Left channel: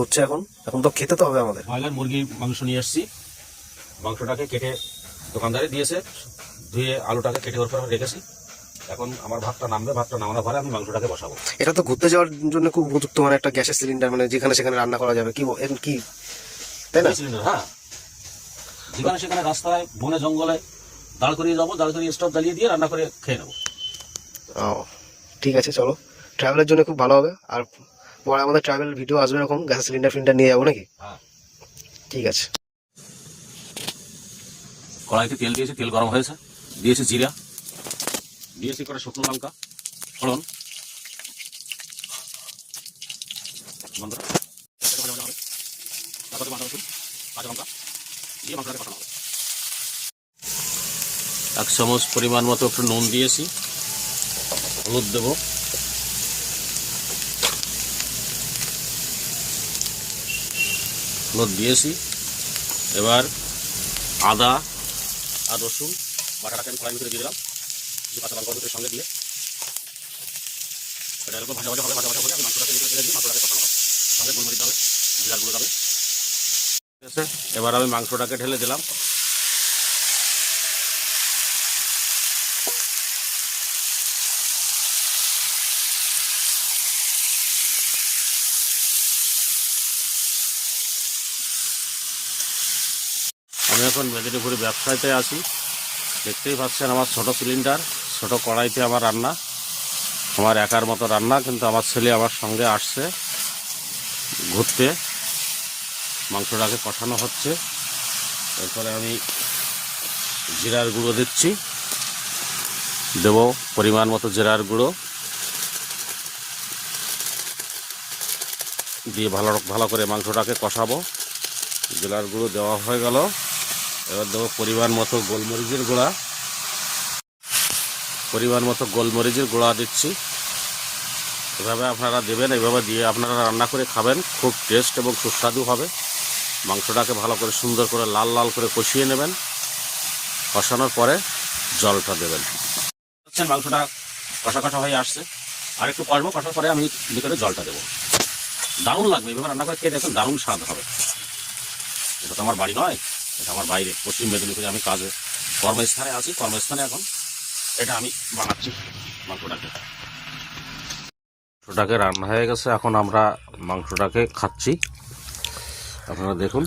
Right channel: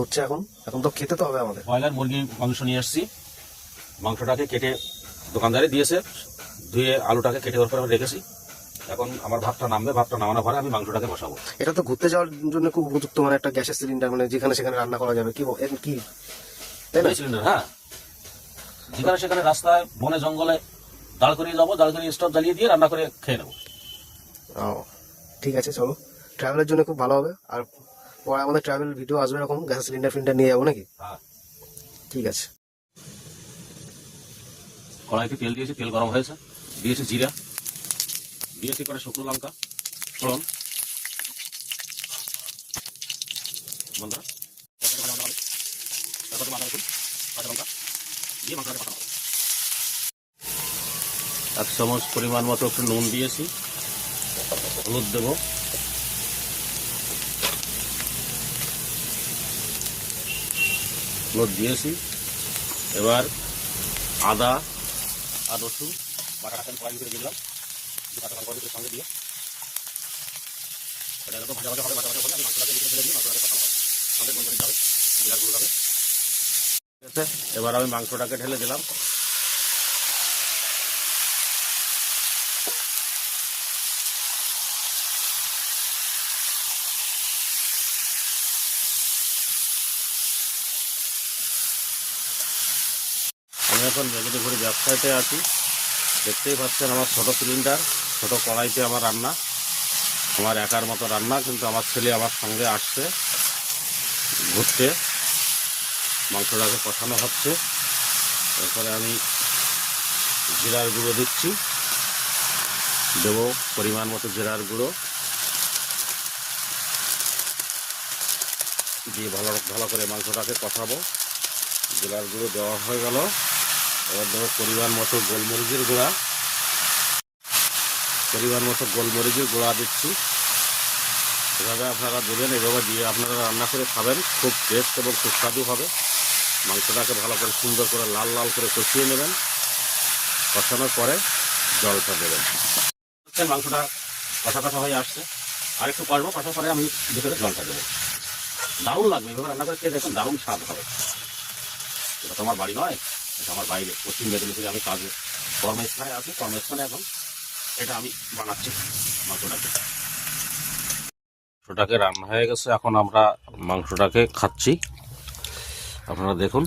হচ্ছে এখন এখন তো খেতে তো হবে আমাদের। ব্রয়লার মুরগি মাংস নিয়ে এসেছি, মাংসটাকে কেটে দোকানদারে দিয়েছে, ধুয়ে আলুটাকে কেটে ওর পরে রেখেছি। এখন আমার ভাতটা নামবে, ভাতটা নামানোর পরে আমি মাংসটাকে বসাবো। এটা তো ঘুরতে যাওয়ার জন্য খুব উপযুক্ত, মানে একটা গ্যাসের সিলিন্ডার, মানে যেখানে সেখানে রান্না করা যাবে, কি কি তাই না? সিলিন্ডার, হ্যাঁ, যেখানে সেখানে রাস্তায় বনে জঙ্গলে দাঁড় করিয়ে যাবো, দাঁড় করিয়ে স্টোভ জ্বালিয়ে দিয়ে রান্না করে খেয়ে নেবো। ও ঠিক আছে, চলো, ট্রাভেলের জন্য খুব ভালো হবে। আর পরে আমাদের ট্রাভেল ভিডিও আসবে এরকম, গ্যাসের সিলিন্ডার ফিলিন্ডার নিয়ে যাবো নাকি? হ্যাঁ, ঠিক আছে। কড়াইতে তেল দিয়েছি, তেল গরম হয়েছে, দিয়েছি জিরা, দিয়েছি কটা শুকনো লঙ্কা, ফোড়ন, বন্ধুরা, তারপরে আদা রসুন, কাঁচা লঙ্কা দিয়ে মশলাটা কষানো হবে। 1 চামচ পরিমাণ মতো একটু নুন দিয়েছি, হলুদ দেবো, হলুদ দিয়েছি। এবার আদা আর রসুন বাটাটাকে আমি কড়াই ভিতরে দিয়ে দিলাম, কাঁচা লঙ্কা রসুনের সঙ্গে দিয়ে এটা এরকম ভাজা ভাজা হবে। ভাজা ভাজা হবে, আমি মাংসটাকে ভিতরে দিয়ে দিই, মাংসটাকে কষানো হবে, তাহলে গোলমরিচ যাবে, জিরার গুঁড়ো যাবে। ঠিক আছে, এবার আমি মাংসটাকে ঢেলে দিলাম। আমি এখন মেদিনীপুরে ব্যবসায়তে আছি, দেখতেই পাচ্ছেন আমার ছোটো সিলিন্ডার, ছোটো কড়াইতে আমার রান্না, আমার একার মতো রান্না, কিন্তু আমার ছেলে আমার সঙ্গে আসছে ঘুরতে। মাংসটাকে কষানো হচ্ছে, তারপরে আমি জিরার গুঁড়ো দিচ্ছি, দেবো পরিমাণ মতো জিরার গুঁড়ো দিয়ে ভালো ভালো করে মাংসটাকে কষাবো। জিরার গুঁড়ো দেওয়া হয়ে গেল, এবার দেবো পরিমাণ মতো গোলমরিচের গুঁড়া, দিচ্ছি। এভাবে আপনারা দেবেন, এইভাবে দিয়ে আপনারা রান্না করে খাবেন, খুব টেস্ট এবং সুস্বাদু হবে। মাংসটাকে ভালো করে সুন্দর করে লাল লাল করে কষিয়ে নেবেন, কষানোর পরে জলটা দেবেন। মাংসটা কষা কষা হয়ে আসছে, আর একটু কষবো, কষার পরে আমি ভিতরে জলটা দেবো। দারুণ লাগবে এভাবে রান্না করে খেয়ে দেখুন, দারুণ স্বাদ হবে। এটা তো আমার বাড়ি নয়, এটা আমার বাইরে পশ্চিম মেদিনীপুরে আমি কাজে কর্মস্থানে আছি, কর্মস্থানে এখন এটা আমি বানাচ্ছি মাংসটাকে। মাংসটাকে রান্না হয়ে গেছে, এখন আমরা মাংসটাকে খাচ্ছি, আপনারা দেখুন।